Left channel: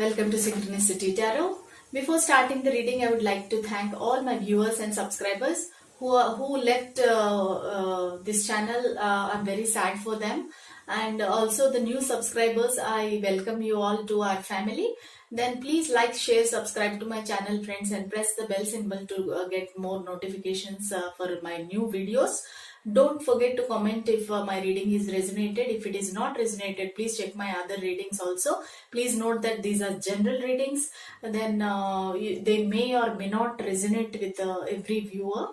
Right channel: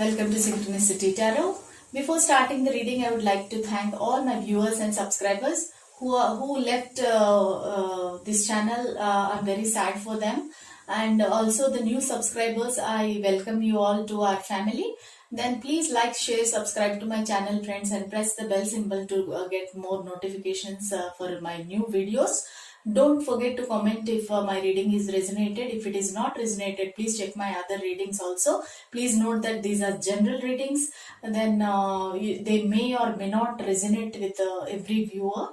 Welcome to Synchronicity Tarot. Before starting the reading, I would like to thank all my viewers and subscribers who left this channel. I'm very sad for them, and also the new subscribers. I welcome you all to our family. Then please like, share, subscribe to my channel, friends, and press the bell symbol to get more notifications for my new videos. Don't forget to comment if my reading is resonated. If it is not resonated, please check my other readings also. Please note that these are general readings. Then they may or may not resonate with every viewer.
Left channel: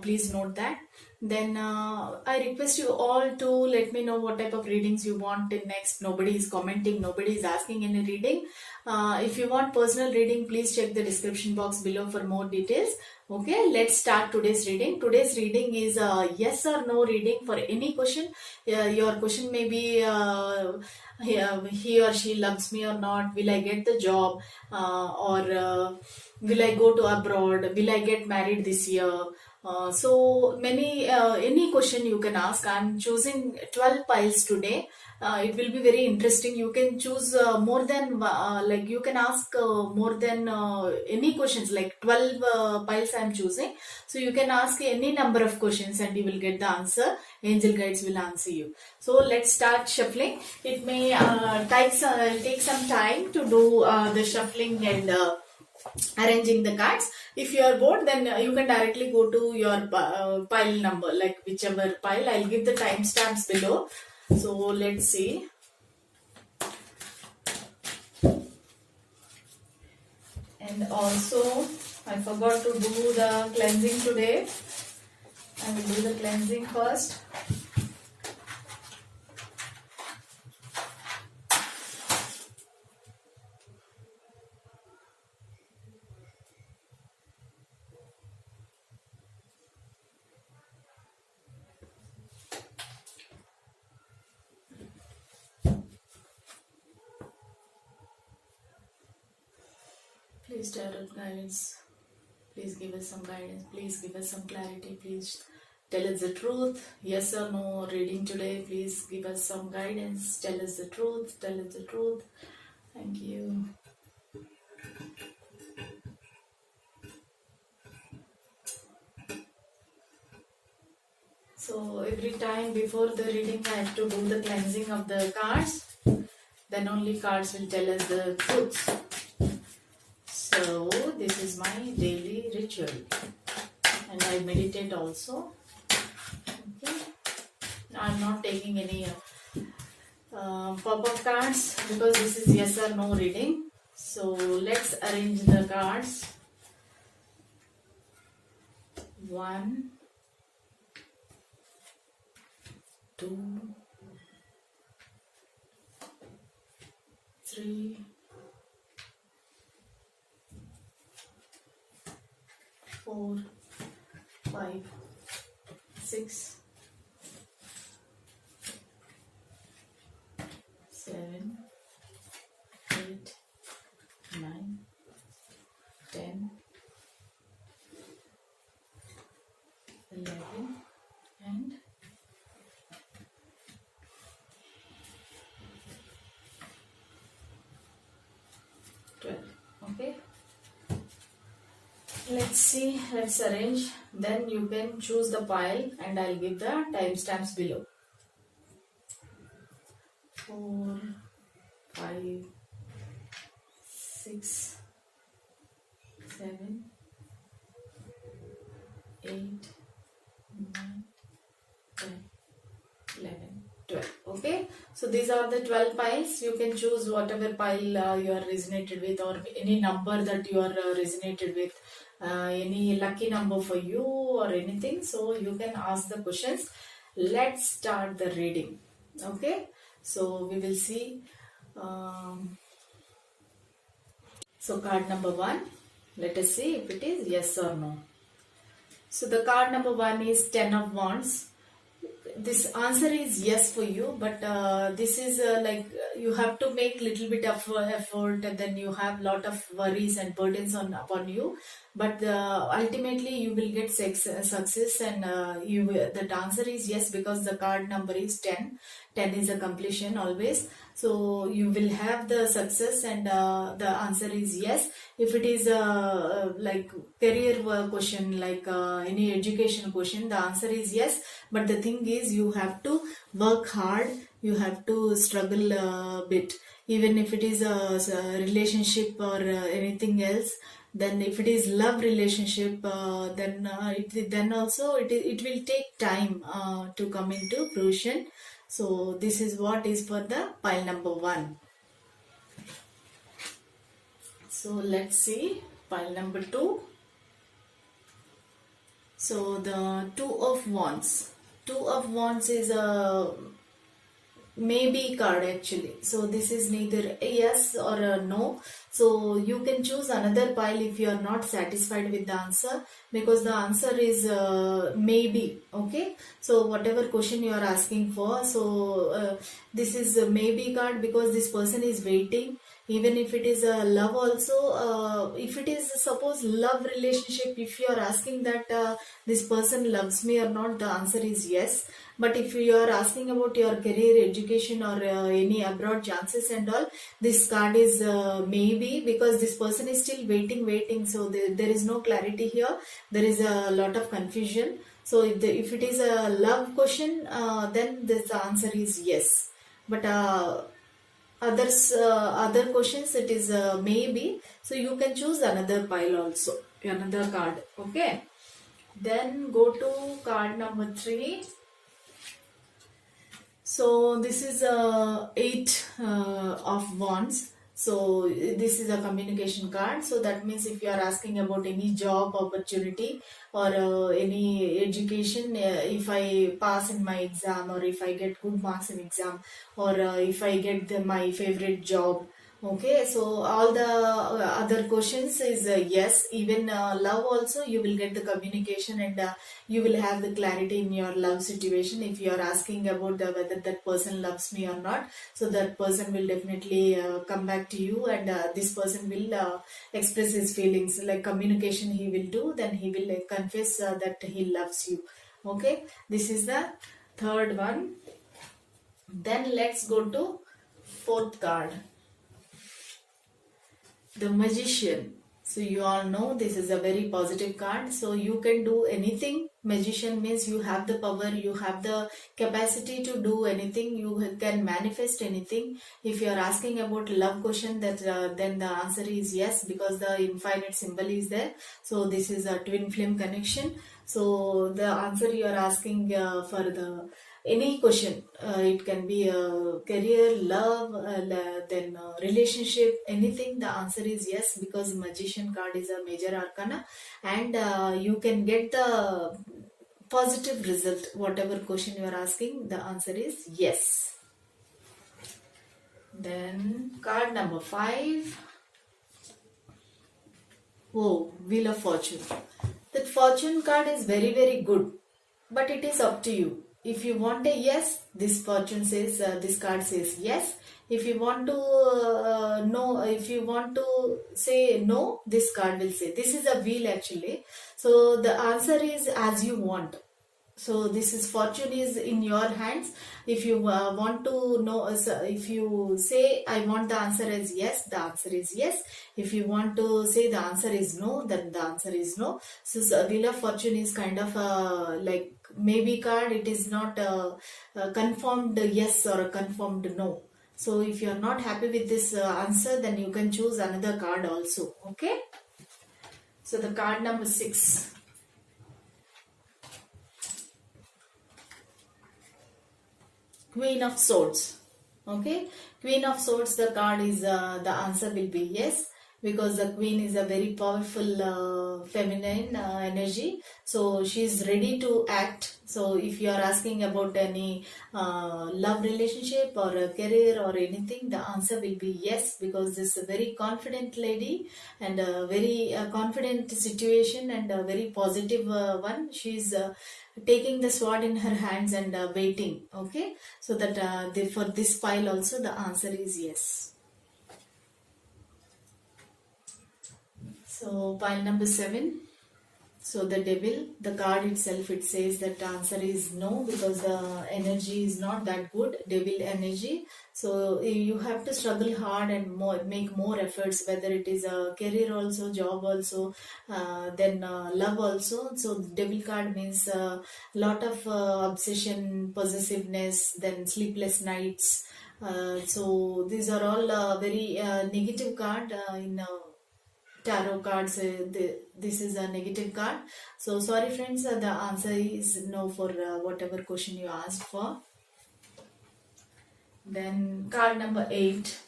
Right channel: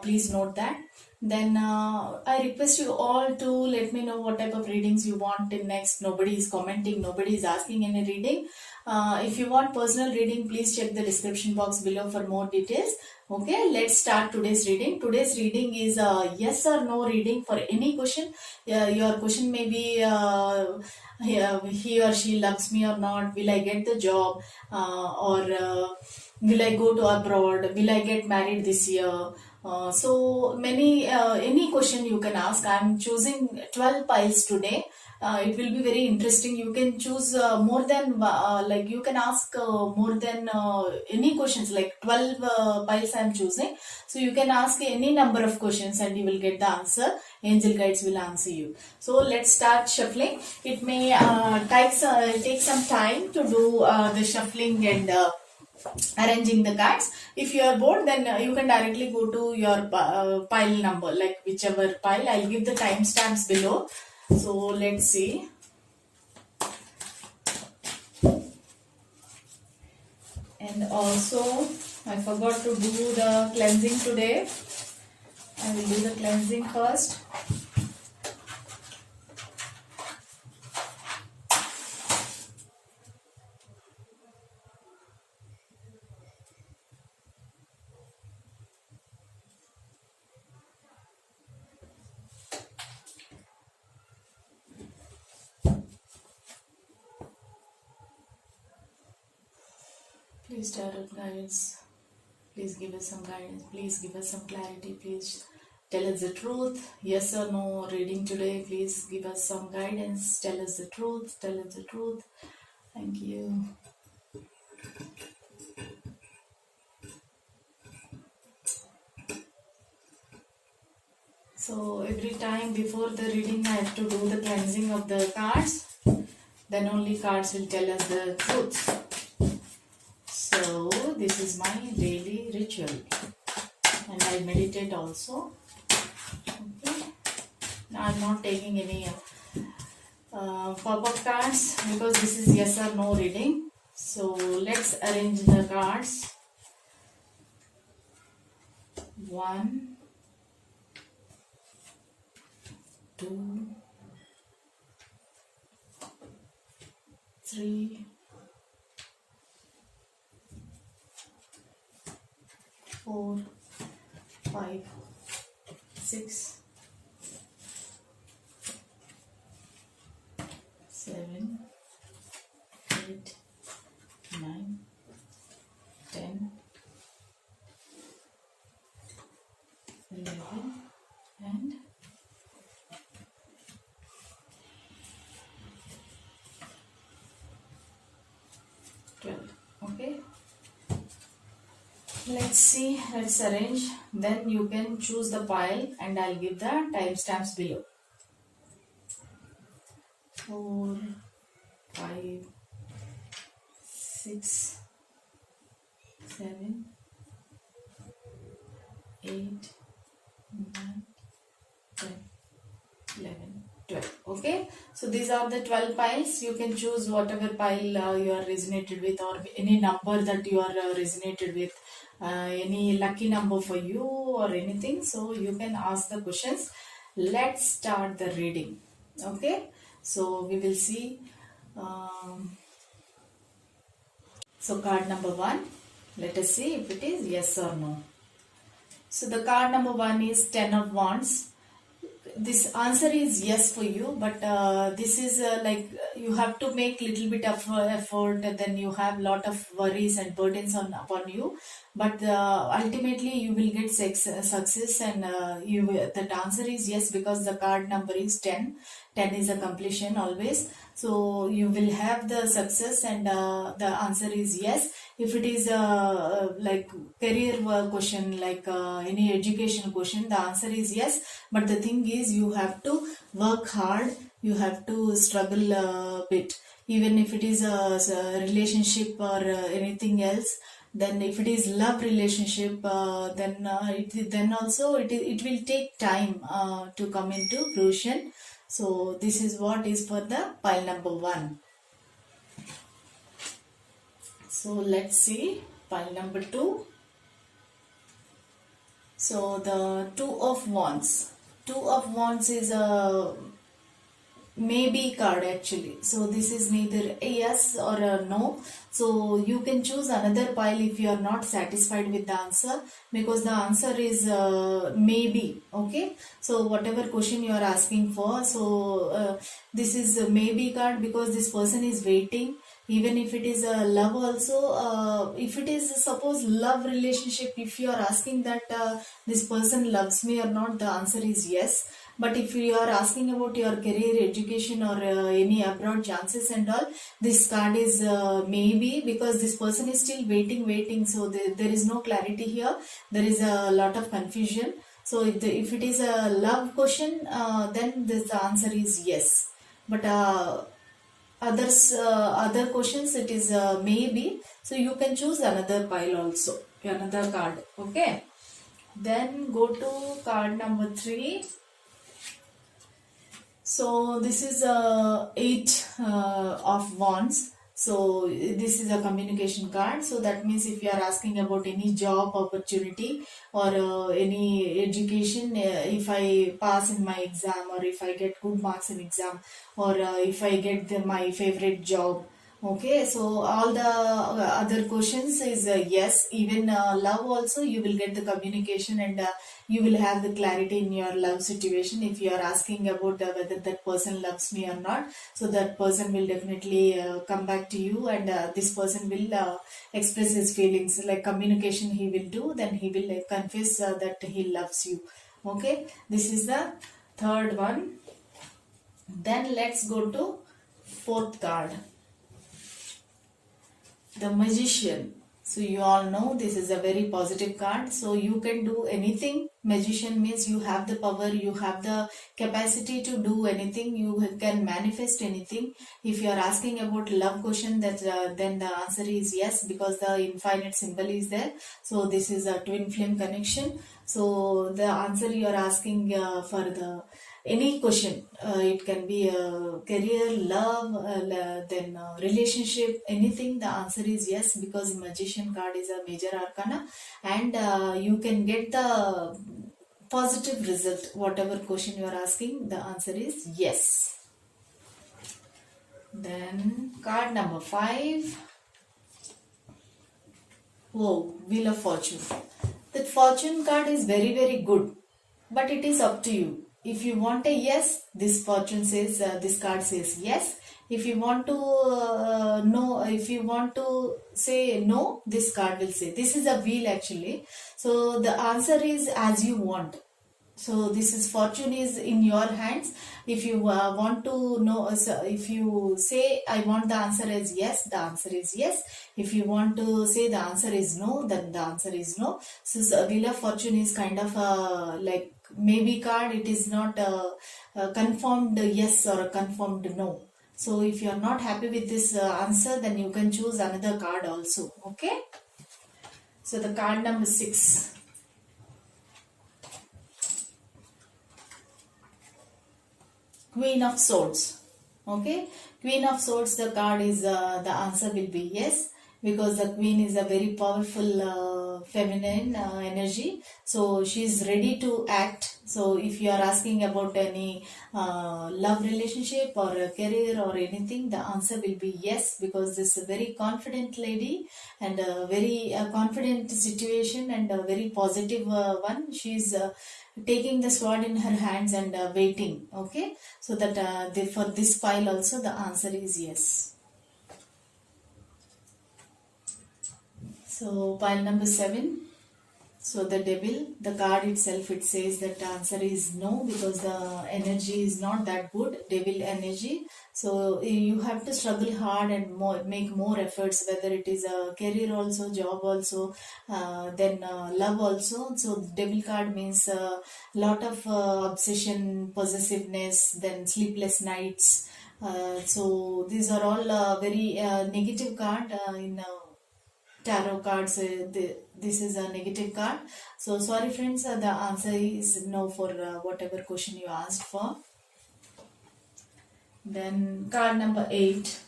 Please note that. Then I request you all to let me know what type of readings you want in next. Nobody is commenting, nobody is asking any reading. If you want personal reading, please check the description box below for more details. Okay, let's start today's reading. Today's reading is a yes or no reading for any question. Your question may be he or she loves me or not, will I get the job, or will I go to abroad, will I get married this year. So many any question you can ask. I'm choosing 12 piles today. It will be very interesting. You can choose more than like you can ask more than any questions, like 12 piles I'm choosing. So you can ask any number of questions and you will get the answer. Angel guides will answer you. So let's start shuffling. It may take some time to do the shuffling and arranging the cards. If you are bored, then you can directly go to your pile number, like whichever pile. I'll give the timestamps below. So let's see. And also I forgot to do the cleansing today. I will do the cleansing first. Please, tarot guides, please give us some guidance, please give us some clarity, please tell us the truth, yes or no reading today. Please give us some guidance, tell us the truth, tell us the truth. Thank you. So every time before the reading I have to do the cleansing of the cards, then only cards will tell us the truth. So this is my daily ritual, and I meditate also. Okay. I'm not taking any pop-up cards because this is yes or no reading. So let's arrange the cards. 1, 2, 3, 4, 5, 6, 7, 8, 9, 10, 11, and 12. Okay. Let's see, let's arrange. Then you can choose the pile and I'll give the timestamps below. 4, 5, 6, 7, 8, 9, 10, 11, 12. Okay, so these are the 12 piles. You can choose whatever pile you are resonated with, or any number that you are resonated with, any lucky number for you or anything. So you can ask the questions. Let's start the reading. Okay, so we will see. So card number 1, let us see if it is yes or no. So the card number 1 is 10 of Wands. This answer is yes for you, but this is like you have to make little bit of effort, and then you have lot of worries and burdens upon you, but ultimately you will get success, and that answer is yes because the card number is 10. 10 is a completion always. So you will have the success, and the answer is yes. If it is like career question, like any education question, the answer is yes. But the thing is, you have to work hard, you have to struggle a bit. Even if it is a relationship or anything else, then if it is love relationship, then also it will take time to come into fruition. So this is what is for the pile number 1. So let's see pile number 2. So the 2 of wands. 2 of wands is a maybe card actually. So this is neither a yes or a no. So you can choose another pile if you are not satisfied with the answer, because the answer is maybe. Okay, so whatever question you are asking for, so this is a maybe card because this person is waiting. Even if it is a love also, if it is suppose love relationship, if you are asking that this person loves me or not, the answer is yes. But if you are asking about your career, education, or any abroad chances and all, this card is maybe, because this person is still waiting. So there is no clarity here. There is a lot of confusion. So if it is a love question, then this answer is yes. But other questions, it is maybe. So you can choose another pile also, another card. Okay. Then go to card number 3. So this is 8 of wands. So this is a communication card. So that means if you are asking about any job opportunity or any education, if I pass in my exam, or if I get good marks in exam, or if I get my favorite job. Okay, so all the other questions is yes. Even love also, you will get the communication, and you will have the clarity in your love situation. If you are asking about whether that person loves me or not, so that person will definitely come back to you, and this person will express his feelings, like communication he will do. Then he will confess that he loves you. Okay, this is the third one. Then let's go to fourth card, the Magician. So you all know this is a very positive card. So you can do anything. Magician means you have the power, you have the capacity to do anything, you can manifest anything. If you are asking about love question, that then the answer is yes, because the infinite symbol is there. So this is a twin flame connection. So the answer you are asking for the any question, it can be career, love, then relationship, anything, the answer is yes, because Magician card is a major arcana, and you can get the positive result. Whatever question you are asking, the answer is yes. Then card number 5. Oh, Wheel of Fortune. That fortune card is very, very good, but it is up to you. If you want a yes, this fortune says, this card says yes. If you want to no, if you want to say no, this card will say. This is a wheel actually. So the answer is as you want. So this is fortune is in your hands. If you want to know, if you say I want the answer as yes, the answer is yes. If you want to say the answer is no, then the answer is no. So Wheel of Fortune is kind of like maybe card. It is not a confirmed yes or a confirmed no. So if you are not happy with this answer, then you can choose another card also. Okay. So the card number 6. Queen of Swords. Okay, Queen of Swords, the card is the answer will be yes, because the Queen is a very powerful feminine energy. So she is ready to act. So if you are asking about any love relationship or a career or anything, the answer will be yes, because this is a very confident lady and a very confident situation and a very positive one. She is taking the sword in her hands and waiting. Okay, so that for this pile also the answer is yes. So pile number 7. So So the devil, the card itself, it says that the answer is no, because the energy is not that good, devil energy. So you have to struggle hard and make more efforts, whether it is a career also, job also, then love also. So devil card means a lot of obsession, possessiveness, then sleepless nights. So these are all very negative card in tarot cards. This is a negative card. So sorry friends, the answer is no for whatever question you asked for. Then card number 8.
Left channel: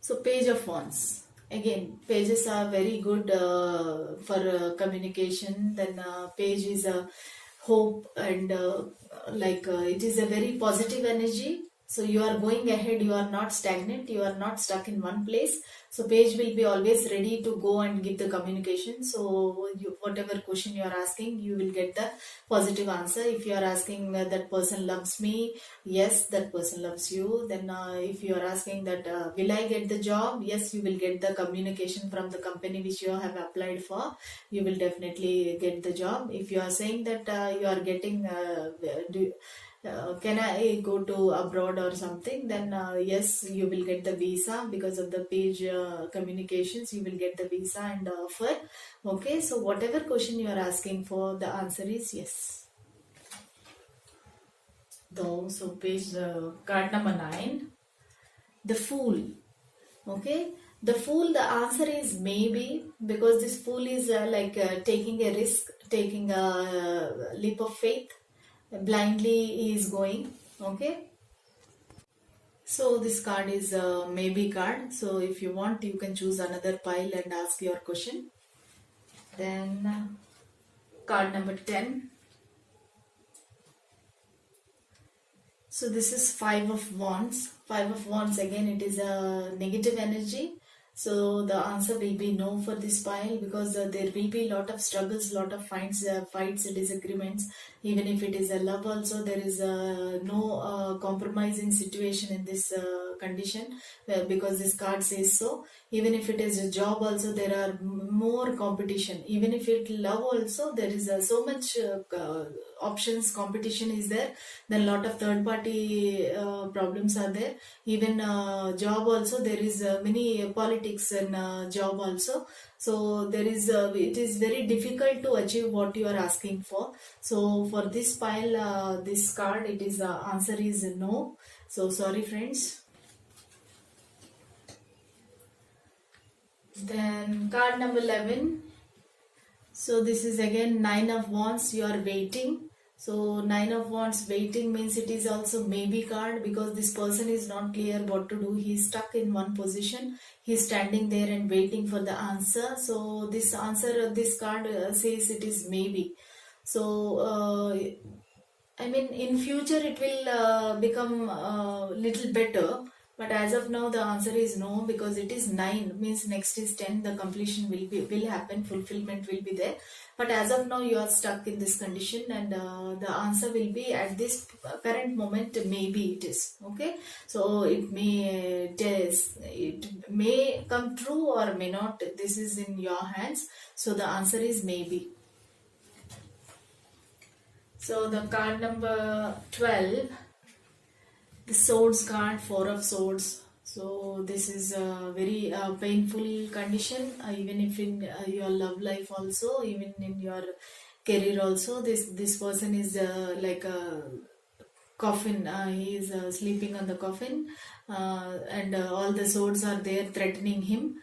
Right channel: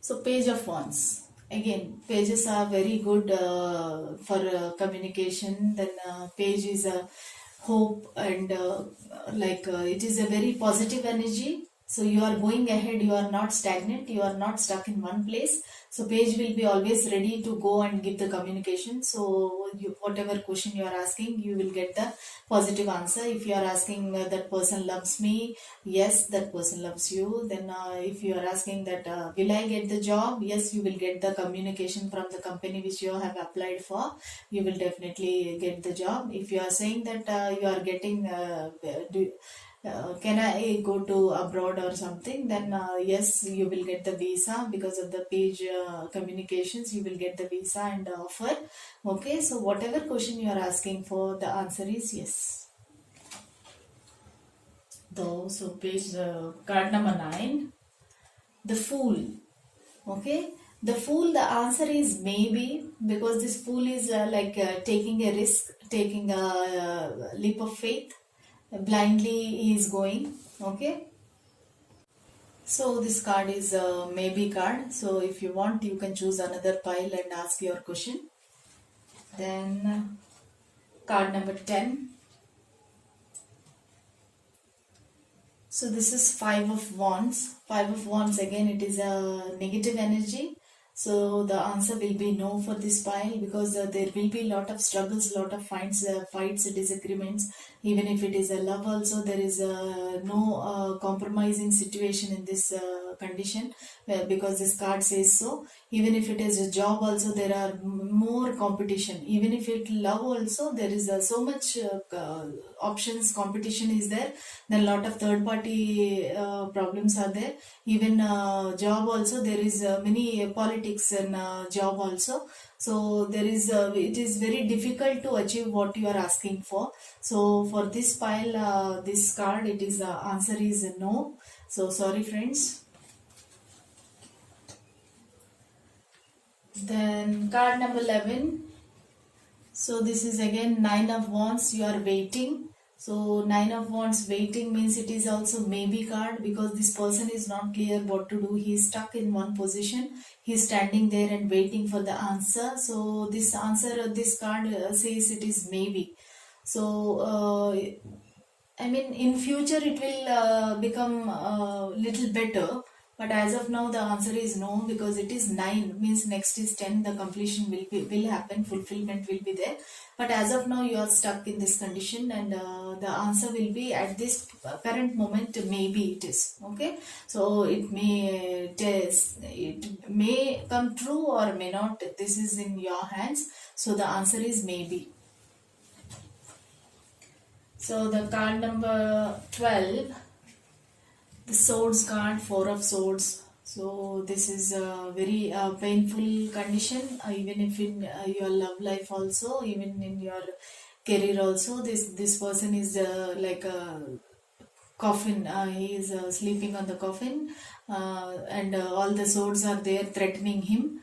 So Page of Wands. Again, pages are very good for communication. Then page is a hope, and it is a very positive energy. So you are going ahead, you are not stagnant, you are not stuck in one place. So page will be always ready to go and give the communication. So whatever question you are asking, you will get the positive answer. If you are asking that person loves me, yes, that person loves you. Then if you are asking that will I get the job, yes, you will get the communication from the company which you have applied for. You will definitely get the job. If you are saying that you are getting can I go to abroad or something, then yes, you will get the visa. Because of the page communications, you will get the visa and offer. Okay, so whatever question you are asking for, the answer is yes. Though, so page card number 9, the Fool. Okay, the Fool, the answer is maybe, because this Fool is taking a risk, taking a leap of faith. Blindly he is going. Okay, so this card is a maybe card. So if you want, you can choose another pile and ask your question. Then card number 10. So this is 5 of Wands. 5 of Wands, again it is a negative energy. So the answer will be no for this pile, because there will be lot of struggles, lot of fights, disagreements. Even if it is a love also, there is no compromising situation in this condition, because this card says so. Even if it is a job also, there are more competition. Even if it love also, there is so much options, competition is there. Then lot of third party problems are there. Even job also, there is many politics in job also. So there is it is very difficult to achieve what you are asking for. So for this pile, this card, it is answer is no. So sorry friends. Then card number 11. So this is again 9 of Wands. You are waiting. So 9 of Wands, waiting means it is also maybe card, because this person is not clear what to do. He is stuck in one position. He is standing there and waiting for the answer. So this answer, this card says it is maybe. So I mean, in future it will become little better. But as of now, the answer is no, because it is 9, means next is 10, the completion will happen, fulfillment will be there. But as of now, you are stuck in this condition, and the answer will be at this current moment, maybe it is. Okay, so it may come true or may not. This is in your hands. So the answer is maybe. So the card number 12. The Swords card, 4 of Swords. So this is a very painful condition, even if in your love life also, even in your career also. This person is like a coffin. He is sleeping on the coffin, and all the swords are there threatening him.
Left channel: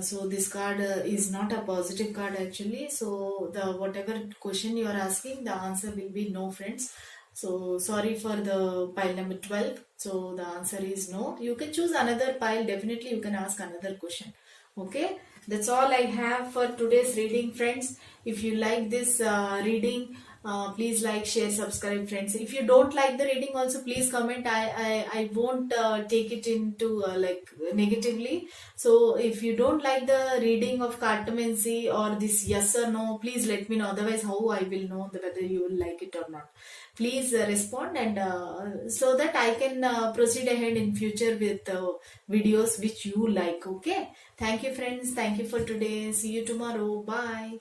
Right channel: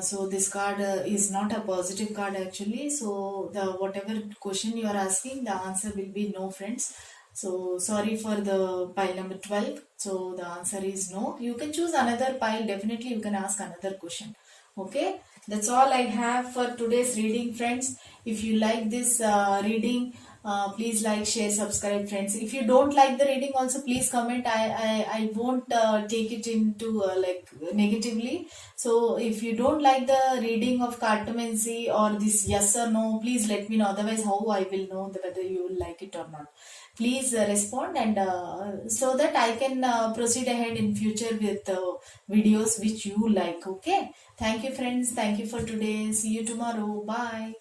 So this card is not a positive card actually. So the whatever question you are asking, the answer will be no, friends. So sorry for the pile number 12. So the answer is no. You can choose another pile. Definitely you can ask another question. Okay. That's all I have for today's reading, friends. If you like this reading, please like, share, subscribe, friends. If you don't like the reading also, please comment. I won't take it into like negatively. So if you don't like the reading of cartomancy or this yes or no, please let me know. Otherwise, how I will know whether you will like it or not. Please respond, and so that I can proceed ahead in future with videos which you like. Okay. Thank you, friends. Thank you for today. See you tomorrow. Bye.